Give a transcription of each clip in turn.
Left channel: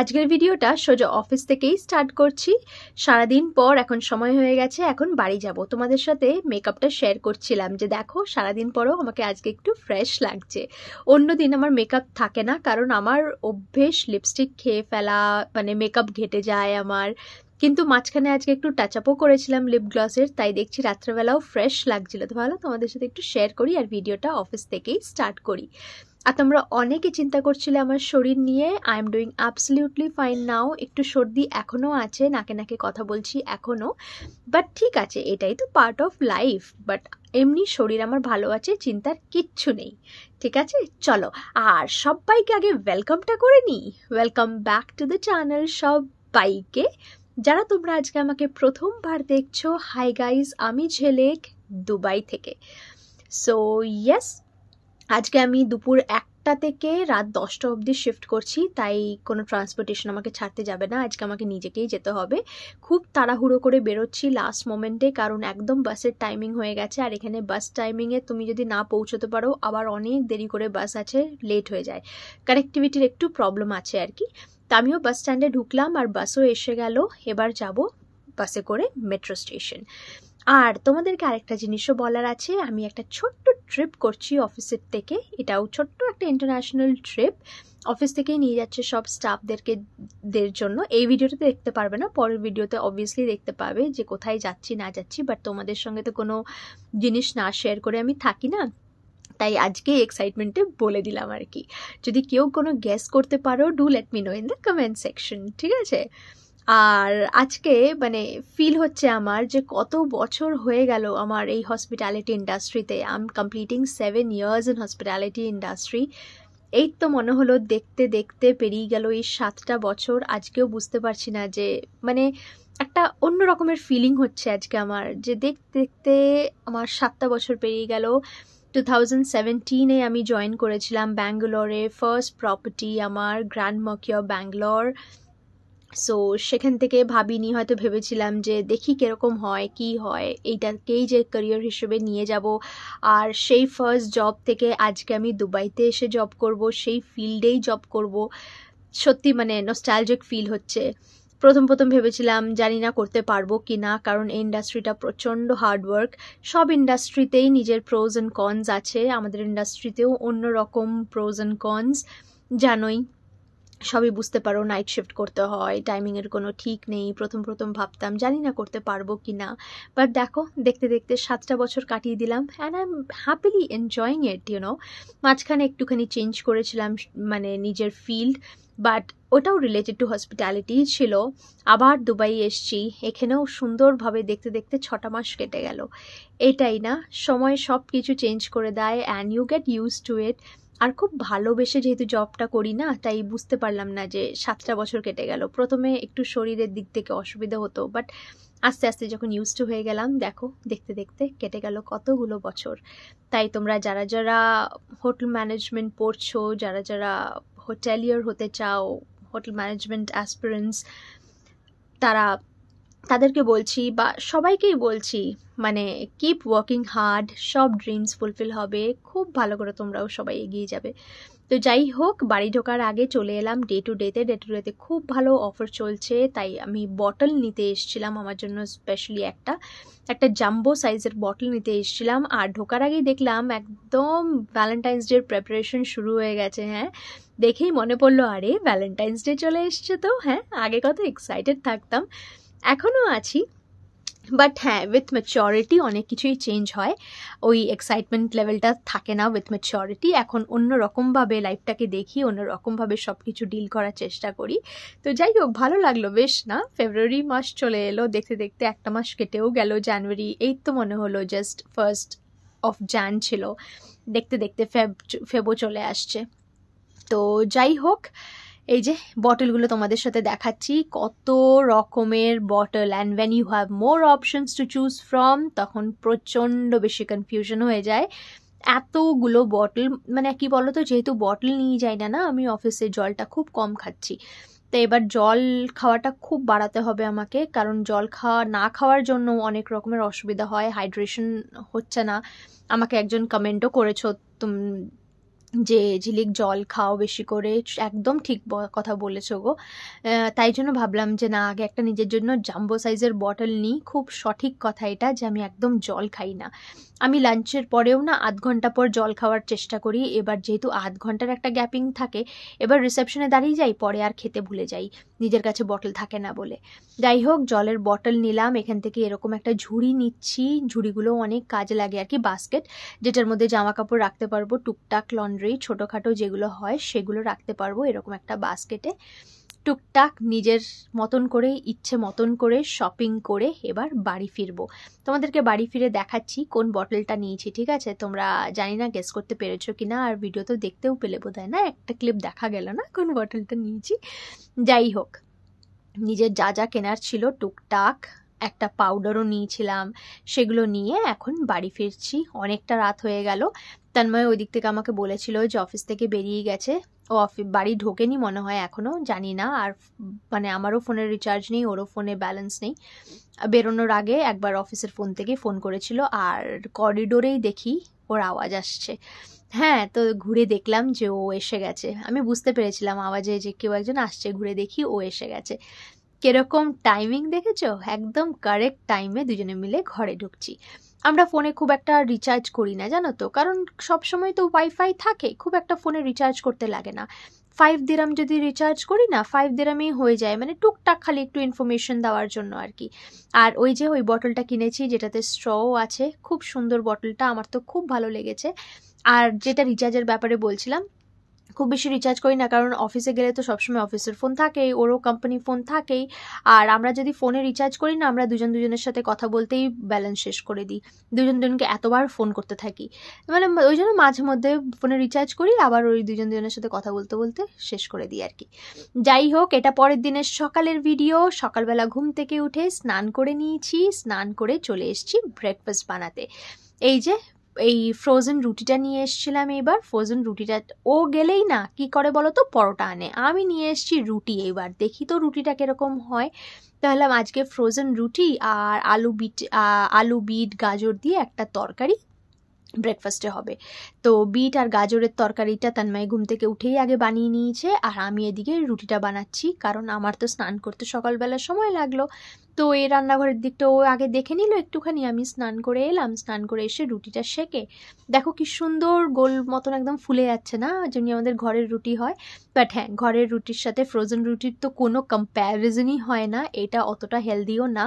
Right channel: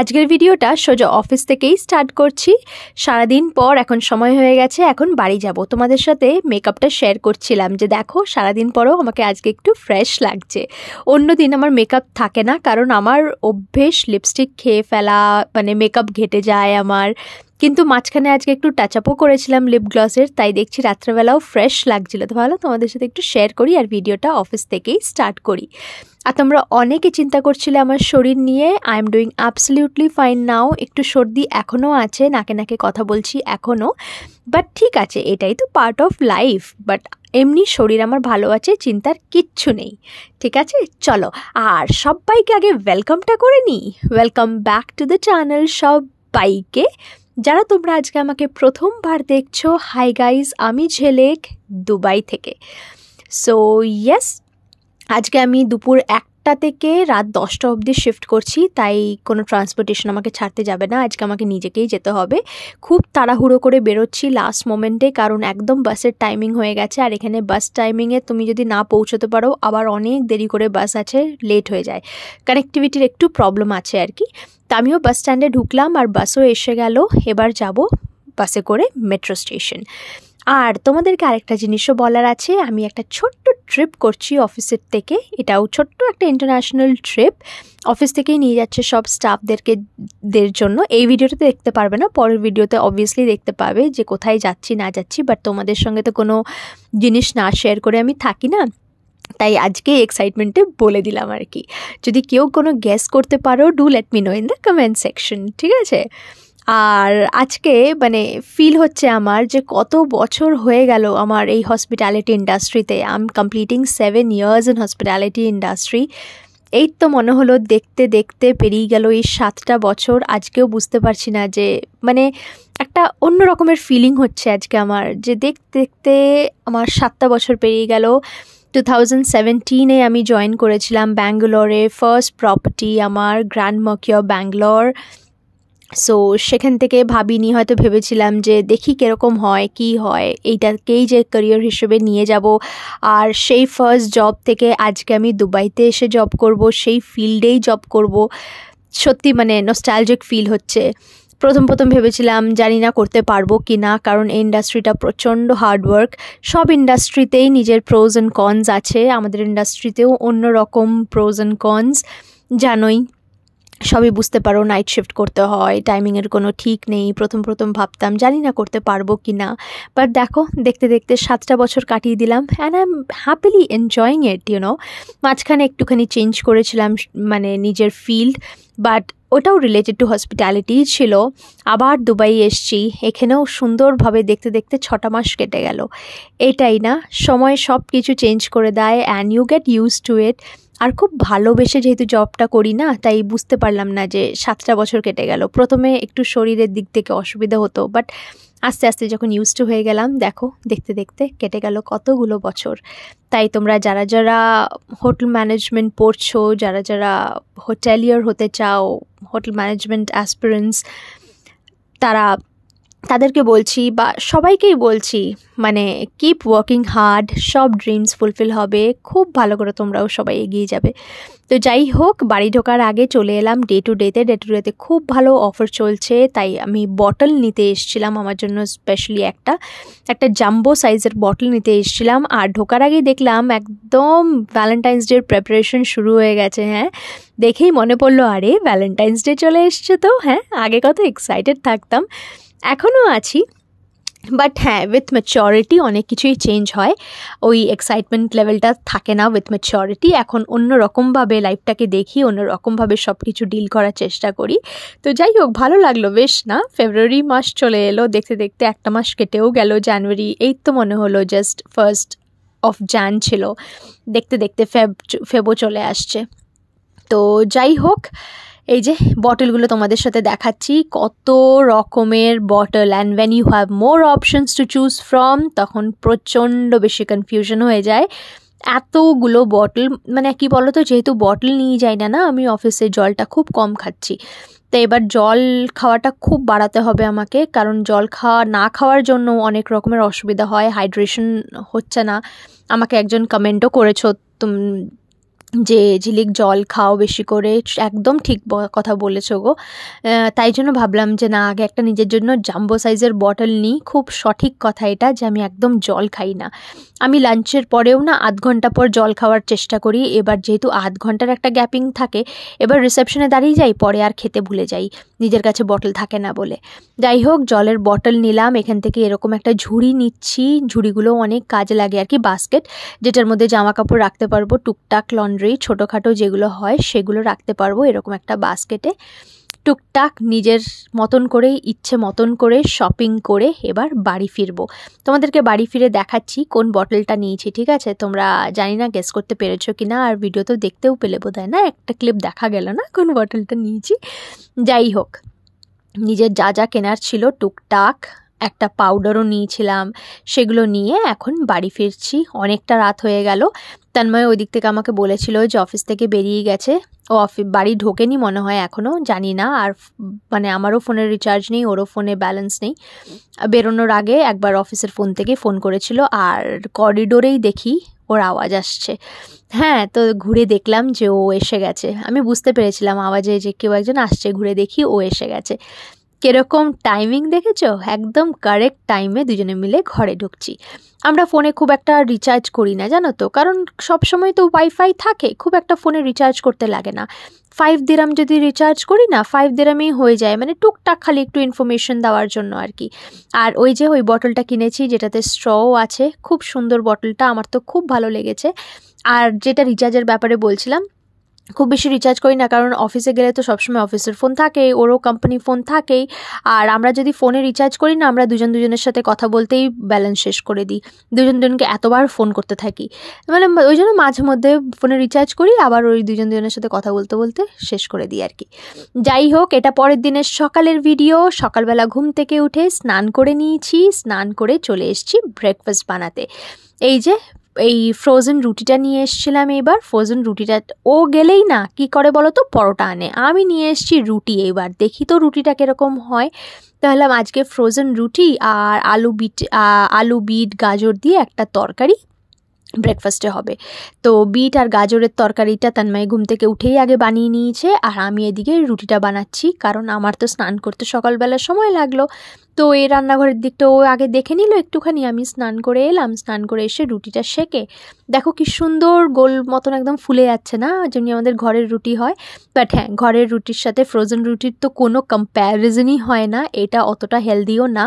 আজকের ভিডিওটা সোজা অফিস থেকেই স্টার্ট করছি। সারাদিন পর এখন সময় হয়ে গেছে, এখন বাড়ি যাব। তোমাদের সাথে মেকআপটা শেয়ার করছিলাম যে দেখো সারাদিন পরেও আমাকে আজকে একটু ফ্রেশ লাগছে। অন্যদিন আমার মেকআপ থাকে না, কারণ আমার অভ্যেস লিপস্টিক খেয়ে ফেলা, মানে মেকআপ ঘেটে যায় আমার। কিন্তু মাঝখানে আজকে একটু টাচ আপও করেছিলাম লিপ গ্লসের, তাই দেখছি রাত্রেবেলাও ফ্রেশ লাগছিল। তো ভালো তোমাদের সাথে একটু শেয়ার করি আর ভিডিওটা অফিস থেকেই স্টার্ট করি। আর তোমরা অনেকে চিন্তা করছিলে আমার শরীর নিয়ে। I am doing absolutely fine নাও। একটু সর্দি এখনও আছে, নাকে নাকে কথা বলছি এখনও, বাট ঠিক আছে, এটাই তো পার্ট অফ লাইফ। বাট এমনি শরীর আমার ভালো আছে, চিন্তার কিচ্ছু নেই। ঠিক আছে, চলো আর সবাইকে আগে ওয়েলকামটা করে নিই। Welcome back to the channel সবাইকে। যারা তোমরা আজকে আমাকে প্রথমবার দেখছো, হাই গাইজ, আমি ঝেলেক দুবাই থেকে। সো ইয়েস, আজকে আমি দুপুর 1টা থেকে রাত 10টা অবধি শিফট করছি, তাই কোনো ট্রান্সপোর্টেশন আমাকে ছাড়তে যাবে না। আজকে আমাকে নিজেকেই যেতে হবে। খুব তাড়াহুড়ো করে বেরোচ্ছি লাস্ট মোমেন্টে, কারণ একদম বাসের টাইমিং হয়ে গেছে। আর এখানে বাস টাইমিংয়ে তুমি যদি না পৌঁছতে পারো, আবার অনেক দেরি করে বাস আছে, লেট হয়ে যায়। কানেক্টিভিটির একটু প্রবলেম আছে আর কি। তা আমিও বাস স্ট্যান্ডে ঢুকলাম আর বাসও এসে গেল। এবার যাব বাসে করে মেট্রো স্টেশন। আর তোমাদেরকে আরেকটা জিনিসও বলার আছে, আমি একটা ছোট্ট ট্রিপ করছি অফিসের থেকে। এটাও ছোট্ট একটা ইন্টারন্যাশনাল ট্রিপ। অফিস থেকেই নিয়ে যাচ্ছে সব স্টাফদের জন্য। এই ভিডিওটাতে দেখতে পারবে না, পরের ভিডিওতে অবভিয়াসলি দেখতে পাবে যে কোথায় যাচ্ছি না যাচ্ছি। বাট তোমাদের সঙ্গে তো কোনো জিনিস না শেয়ার করে আমি থাকি না, তাই আজকে এক্সাইটমেন্টে বলে দিলাম আর কি। যদি কেউ কোনো গেস করতে পারো, do let me no in the comment section, ঠিক আছে? আর আজকে মানে ফিল হচ্ছে আমার যে কত বছর হয়ে গেল আমার এই হসপিটালিটি ইন্ডাস্ট্রিতে। I am completing 7 years in hospitality industry. এই তো মনে হলো দেখতে দেখতে পেরিয়ে গেল এই 7টা বছর। আজকেও বুঝতে পারছি না যে মানে একটা অন্য রকমের ফিলিং হচ্ছে আজকে আমার, যে দেখতে দেখতে আমার 7টা বছর পেরিয়ে গেল। 2017-এ আমি জয়েন করেছিলাম ব্যাঙ্গালোরে। ফার্স্ট প্রপার্টি আমার গ্র্যান্ড মার্কিয়র ব্যাঙ্গালোর। সো সেখান থেকে ভাবিনি, হয়তো ভেবেছিলাম যে দেখি কীরকম হয় কি হয়, এইটাকেই যে ক্যারিয়ার হিসেবে নিয়ে যাব। আর সেই ফার্স্ট জব থেকে আজকে আমি দুবাইতে এসে জব করব, সেই ফিল্ডেই জব করব। সত্যি মানে নস্টালজিক ফিল হচ্ছে। প্রথম ভেবেছিলাম জানি না করতে পারবো কি না, কারণ এই ইন্ডাস্ট্রিটা প্রচণ্ড হার্ডওয়ার্ক। সব ইন্ডাস্ট্রিতেই নিজের প্রোজ অ্যান্ড কনস আছে, আমাদের ইন্ডাস্ট্রিতেও অন্যরকম প্রোজ অ্যান্ড কনস, জানোই, সবই বুঝতে পারো। নাইট শিফট করতে হয়, টাইমিংয়ের কোনো ঠিক নেই। প্রথম ভাবতাম জানি না করতে পারবো কি না, বাট দেখো দেখতে দেখতে 7টা বছর কাটিয়ে দিলাম and I am happily enjoying it, you know. মাঝখানে একটুখানি চেঞ্জ করেছিলাম মানে নিজের ফিল্ড, বাট ওটাও রিলেটেড টু হসপিটালিটি ছিল। আবার দুবাই এসছি, এখানেও সুন্দরভাবে দেখতে দেখতে 6টা মাস কেটে গেল। এটাই না, সময় সব কিছু চেঞ্জ করে দেয় and you get use to it. আর খুব ভালোবেসে যেহেতু জবটা করি না, তাই বুঝতে পারলাম না যে 7টা বছর কেটে গেল। প্রথমে একটু শরীরের দিক থেকে অসুবিধা হতো, বাট আস্তে আস্তে যখন ইউজ টু হয়ে গেলাম, দেখো দেখতে দেখতে কেটে গেল কতগুলো বছর। তাই তোমরা যারা যারা হোটেল ম্যানেজমেন্ট পড়ছো, যারা যারা হোটেলিয়ার হতে চাও, হোটেল ম্যানেজমেন্ট অ্যাসপিরেন্টস, তাদেরকে বলছি বা সবাইকেই বলছি, মানে কিপ ওয়ার্কিং হার্ড, সব ড্রিমস ফুলফিল হবে। খুব ভালো করে তোমরাও সবাই এগিয়ে যাবে। তো যাই হোক, বাড়ি ঢোকার আগে চলে এলাম ডে টু ডেতে খুব ভালো অফার চলছে, তাই আমি বটল নিতে এসেছিলাম। আমার জন্য স্পেশালি একটা জাম্বো সাইজের বটল নিতে এসেছিলাম। আর ঢোকার আগেই দেখলাম একদম ভ্যালেন্টাইন্স ডের প্রেপারেশন শুরু হয়ে গেছে। হ্যাঁ, দেখেই মনে পড়লো, আরে ভ্যালেন্টাইন্স ডে চলে এসছে তো। হ্যাঁ, আগে কত এক্সাইটেড থাকতাম, এখনও আছি, বাট হ্যাঁ, উইথ ম্যাচিওরিটি অনেক কিছুই চেঞ্জ হয়। ওই এক্সাইটমেন্ট লেভেলটা থাকে না উইথ ম্যাচিওরিটি। এখন অন্য রকমভাবে লাইফটাকে দেখি, অন্য রকমভাবে সব কিছু ডিল করার চেষ্টা করি। তো যাই হোক, ভালো লাগলো বেশ না। ফেব্রুয়ারি মাস চলে এলো, দেখতে দেখতে একটা মাস কেটেও গেল। জানুয়ারি, এই তো মনে হলো জাস্ট 1st of Jan ছিল। দেখতে দেখতে ফেবও চলে আসছে। তো যাই হোক, এই যে বটলগুলো তোমাদের সাথে দেখাচ্ছি, কত রকমের bottle. And when you have more options to choose from, তখন প্রচণ্ড বেশি কনফিউশন হয়ে যায়। এতগুলো বটল, মানে কি বলো তো, যেহেতু বটল নিয়ে যাই না আমি অফিসে, জলটা খুব কম খাচ্ছি। তো এবার জল খাওয়াটা খুব বাড়াতে হবে আমাকে, কারণ জল না খাওয়ার জন্য অনেক রকমের অসুবিধা হয়, হাইড্রেশন হচ্ছে না। আমাকে একজন কমেন্টও করেছো যে ঝিলিক জল খাও বেশি করে, একদম ঠিক কথা বলেছো গো। তাই জন্য ভাবলাম যে না, আগে একটা নিজের জন্য জাম্বো সাইজের বটল নিই। খুব সঠিক কথা এটা যে আমি একদম জল খাই না। আমি লাঞ্চের পরেও না আধ ঘন্টা পর জল খাওয়ার চেষ্টা করি। এবার যেহেতু আধ ঘন্টার একটা গ্যাপিং থাকে, এবার রিসেপশনে দাঁড়িয়ে যাই, পরে আর খেতে ভুলে যাই, নিজের কাছে বটল থাকে না বলে। যাই হোক, জলের বটল নিলাম এখান থেকে, এরকম একটা ঝুড়ি নিচ্ছি। ঝুড়িগুলো অনেক কাজে লাগে আর কি, বাস্কেট যেটার মধ্যে জামা কাপড় রাখতে পারবো, টুকটাক লন্ড্রি ছোটোখাটো যেগুলো হয় সেগুলো রাখতে পারবো। এরকম একটা বাস্কেটে টুকটাক নিজের মতন করে, ইচ্ছে মতন করে শপিং করে এবার বাড়ি ফিরবো। তোমাদেরকে বাড়ি ফিরে দেখাচ্ছি কোন বটলটা নিয়েছি, ঠিক আছে? তোমরা জানি না গেস করতে পেরেছো কি না, আর ভিডিও তো দেখতেও পেলে বোধহয় না, একটা ক্লিপ দেখা গেল না কোন বটলটা নিয়েছি। যাই হোক, নিজের যা যা কেনার ছিল টুকটাক, একটা পাউডারও নিয়েছিলাম, সেগুলো নিয়ে এখন বাড়ি ফিরছি। অনেকটা রাত হয়ে গেল। তন্ময় ওই দিক থেকে আমাকে বলেছিল যে অফিস থেকে বেরিয়ে গেছে, ও বাড়ি ঢোকেনি মনে হয় এখনও, জানি না। আর মানে আমারও ফোনের রিচার্জ নেই, ওরও ফোনে ব্যালেন্স নেই। বেরোনোর আগে একবার অফিসের ফোন থেকে ফোন করেছিল, আর করিডোরেই দেখি ওর আওয়াজ আসছে। হ্যাঁ, তো ঘুরে দেখলাম যে ও এসে গেছে। আমি বুঝতে পেরেছিলাম আওয়াজে যে কেউ একজন আসছে, ঘুরে দেখি ও এসে গেছে। কিরকম টাইমিং দেখেছো? একদম কারেক্ট টাইমে দুজনে মিলে ঘরে ঢুকছি। আমরা ফোনে খুব একটা রিচার্জ করি না জানো তো, কারণ সব সময় তো ওয়াইফাই থাকে, খুব একটা ফোনে রিচার্জ করতে লাগে না। 5 দিরাম যদি রিচার্জ করি না, 5 দিরামেই হয়ে যায়, মানে টুকটাক খালি একটু ইনফরমেশন দেওয়ার জন্য আর কি। আর ওই যে ওই বটলটা কিনেছি যেটাতে স্ট্রও আছে, খুব সুন্দর বটলটা, আমার তো খুব ভালো লেগেছে। আর যেটা রিচার্জের ব্যাপারে বলছিলাম, খুব বেশি রিচার্জ করি না, কারণ অফিসে গেলে তো সবসময় অফিসের ফোন থাকে, ওরও কোম্পানি ফোন থাকেই। আর আমরা যদি ফোনে রিচার্জ করি না, আমরা দুজনের সাথে কথা বলতেই ব্যালেন্স শেষ করে দিই, দুজনকে এতবার ফোন করতে থাকি। মানে ওই জন্য মাঝে মধ্যে ফোনে রিচার্জ করি, আবার ওই দুজনের সাথে কথা বলতে বলতে শেষ করে দিই আর কি। যাই হোক, এটা পরের দিনের সকালের ভিডিও। সকালবেলা ঘুম থেকে উঠে স্নান করে নিয়েছি, স্নান করে চলে এসেছি ব্রেকফাস্ট বানাতে। এই যে এই ফ্রোজেন রুটিটা নিয়ে এসেছিলাম। এবার ফ্রোজেন রুটিটা ও গেলেই না কি করে বলো তো, পরোটা আনে, আমি নিয়ে এসেছি রুটি। এবার দেখি তো রুটিটা কীরকম হয়। তাহলে আজকে ফ্রোজেন রুটি আর আলু বিট গাজর দিয়ে একটা তরকারি ব্রেকফাস্টে হবে। তো বিট আর গাজরের তরকারিটা তন্ময় ঘুম থেকে উঠেই আগে বানিয়ে নিয়েছে, আর আমি এদিকে রুটিটা বানাচ্ছি, কারণ আমার তো স্নান করতে সকালবেলা সময় লাগলো। তো এই রান্নাঘরের দিকটা ও আগে দেখে নিল একটুখানি, আমি স্নান করে এলাম, স্নান করে এসে রুটিটা সেকে দেখো কি সুন্দর গোল মতন একদম ফুলে যাচ্ছে না, যেমনি আমাদের ঘরের রুটি হয়। বাট হ্যাঁ, ঘরের রুটির সাথে ফ্রোজেন রুটির তো কোনো কম্প্যারিজনই হয় না, এটা অতটা হেলদিও না।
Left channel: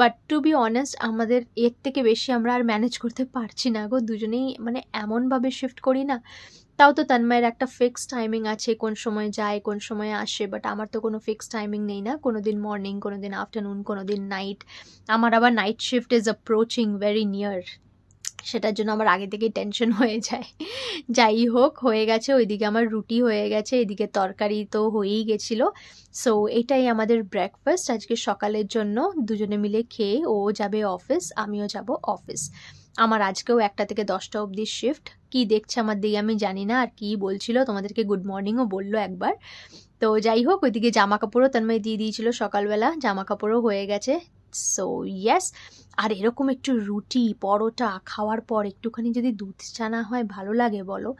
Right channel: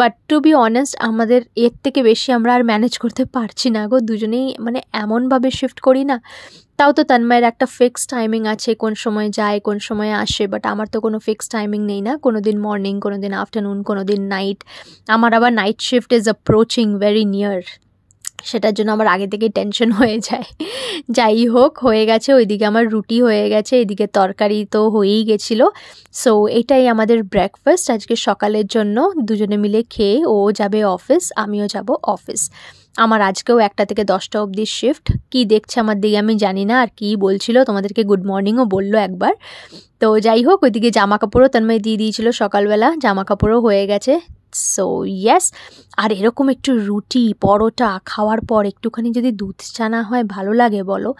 বাট টু বি অনেস্ট, আমাদের এর থেকে বেশি আমরা আর ম্যানেজ করতে পারছি না গো, দুজনেই মানে এমনভাবে শিফট করি না। তাও তো তন্ময়ের একটা ফিক্সড টাইমিং আছে, কোন সময় যায় কোন সময় আসে, বাট আমার তো কোনো ফিক্সড টাইমিং নেই না, কোনো দিন মর্নিং, কোনো দিন আফটারনুন, কোনো দিন নাইট। আমার আবার night shift is approaching very near, সেটার জন্য আমার আগে থেকেই টেনশন হয়ে যায়। যাই হোক, হয়ে গেছে, ওইদিকে আমার রুটি হয়ে গেছে, এদিকে তরকারি তো হয়েই গেছিলো। সো এটাই আমাদের ব্রেকফাস্ট আজকে সকালের জন্য। দুজনে মিলে খেয়ে ও যাবে অফিস, আমিও যাব অফিস। আমার আজকেও 1টা থেকে 10টা অবধি শিফট। কি দেখছে আমার দিকে আমি জানি না, আর কি বলছিল, তোমাদেরকে গুড মর্নিংও বললো একবার। তো যাই হোক, ওইদিকে জামা কাপড়ও তন্ময় দিয়ে দিয়েছিল সকালবেলা, জামা কাপড়ও হয়ে গেছে। সো ইয়েস, আর এরকম একটু রুটি পরোটা খাওয়ার পর একটুখানি যদি দুধ চা না হয় ভালো লাগে বলো,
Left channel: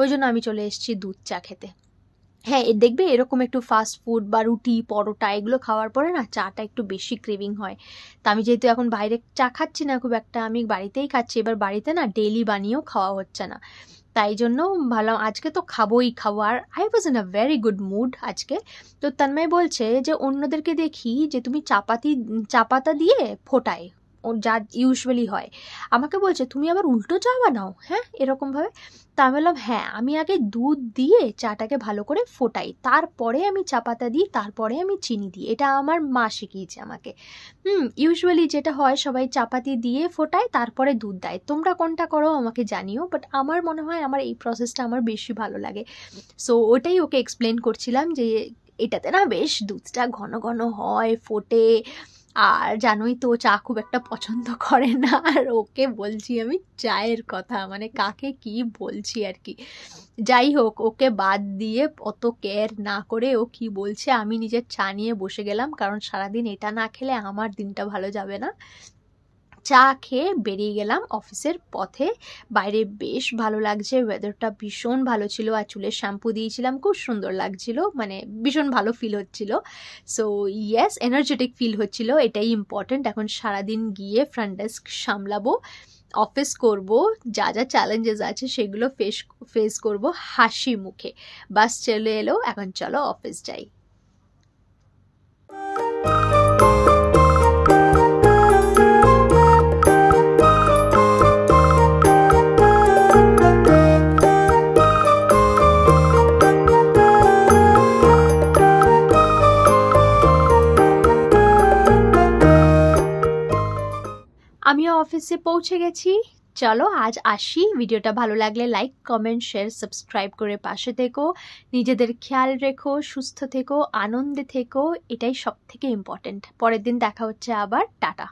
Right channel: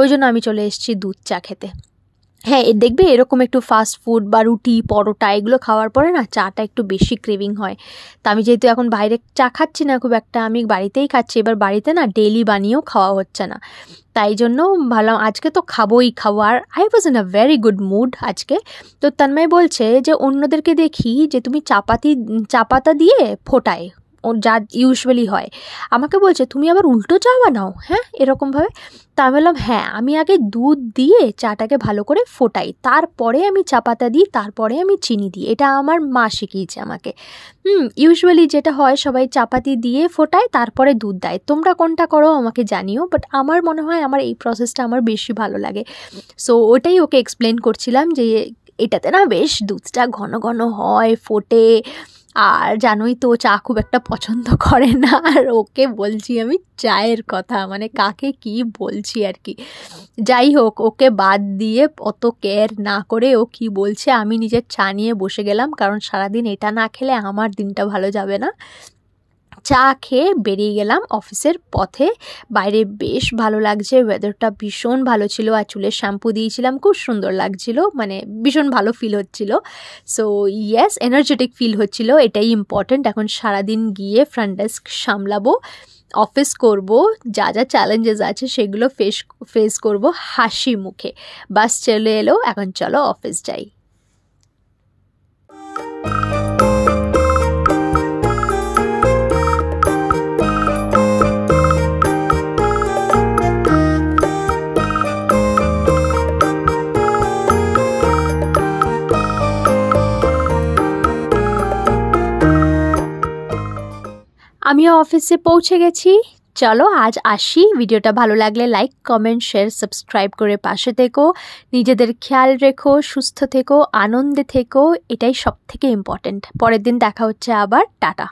ওই জন্য আমি চলে এসেছি দুধ চা খেতে। হ্যাঁ, দেখবে এরকম একটু ফাস্ট ফুড বা রুটি পরোটা এগুলো খাওয়ার পরে না চাটা একটু বেশি ক্রেভিং হয়। তা আমি যেহেতু এখন বাইরে চা খাচ্ছি না খুব একটা, আমি বাড়িতেই খাচ্ছি। এবার বাড়িতে না ডেইলি বানিয়েও খাওয়া হচ্ছে না, তাই জন্য ভাবলাম আজকে তো খাবোই খাবো। আর I was in a very good mood আজকে। তো তন্ময় বলছে যে অন্যদেরকে দেখি যে তুমি চা পাতা দিয়ে ফোটায়, ও যা ইউজুয়ালি হয়, আমাকে বলছে তুমি আবার উল্টো চা বানাও, হ্যাঁ এরকমভাবে। তা আমি বললাম হ্যাঁ, আমি আগে দুধ দিয়ে চাটাকে ভালো করে ফোটাই, তারপরে আমি চা পাতা দিই, তারপরে আমি চিনি দিই, এটা আমার মা শিখিয়েছে আমাকে। ইউজুয়ালি যেটা হয় সবাই চাপাতি দিয়ে ফোটায় তারপরে দুধ দেয়, তোমরা কোনটা করো আমাকে জানিও, বাট আমার মনে হয় আমার এই প্রসেসটা আমার বেশি ভালো লাগে। সো ওটাই ওকে এক্সপ্লেন করছিলাম যে এটাতে না বেশ দুধটা ঘন ঘন হয়, ফোটে। আর জানোই তো চা খুব একটা পছন্দ করে না, আর ওকে বলছি আমি চায়ের কথা, মানে কাকে কি বলছি আর কি। যাই হোক, ওকে বাদ দিয়ে অত কেয়ার না করে ও কি বলছে, আমি নিজের চা নিয়ে বসে গেলাম, কারণ সারাদিন এটা না খেলে আমার দিনটা ভালো যাবে না। চা খেয়ে বেরিয়ে গেলাম অফিসের পথে। বাইরে বেশ ভালো লাগছে, ওয়েদারটা ভীষণ ভালো ছিল, আর চুলের শ্যাম্পু দিয়েছিলাম, খুব সুন্দর লাগছিল, মানে ভীষণ ভালো ফিল হচ্ছিল। সো ইয়েস, এনার্জেটিক ফিল হচ্ছিল, এটাই ইম্পর্ট্যান্ট। এখন সারাদিন গিয়ে ফ্রন্ট ডেস্ক সামলাবো, অফিস করব, যা যা চ্যালেঞ্জেস আছে সেগুলো ফেস করব হাসি মুখে। বাস চলে এলো, এখন চলো অফিস যাই। আমিও অফিসে পৌঁছে গেছি। চলো আজ আসি। ভিডিওটা ভালো লাগলে লাইক, কমেন্ট, শেয়ার, সাবস্ক্রাইব করে পাশে থেকো। নিজেদের খেয়াল রেখো, সুস্থ থেকো, আনন্দে থেকো, এটাই সব থেকে ইম্পর্টেন্ট। পরের দিন দেখা হচ্ছে আবার। টাটা।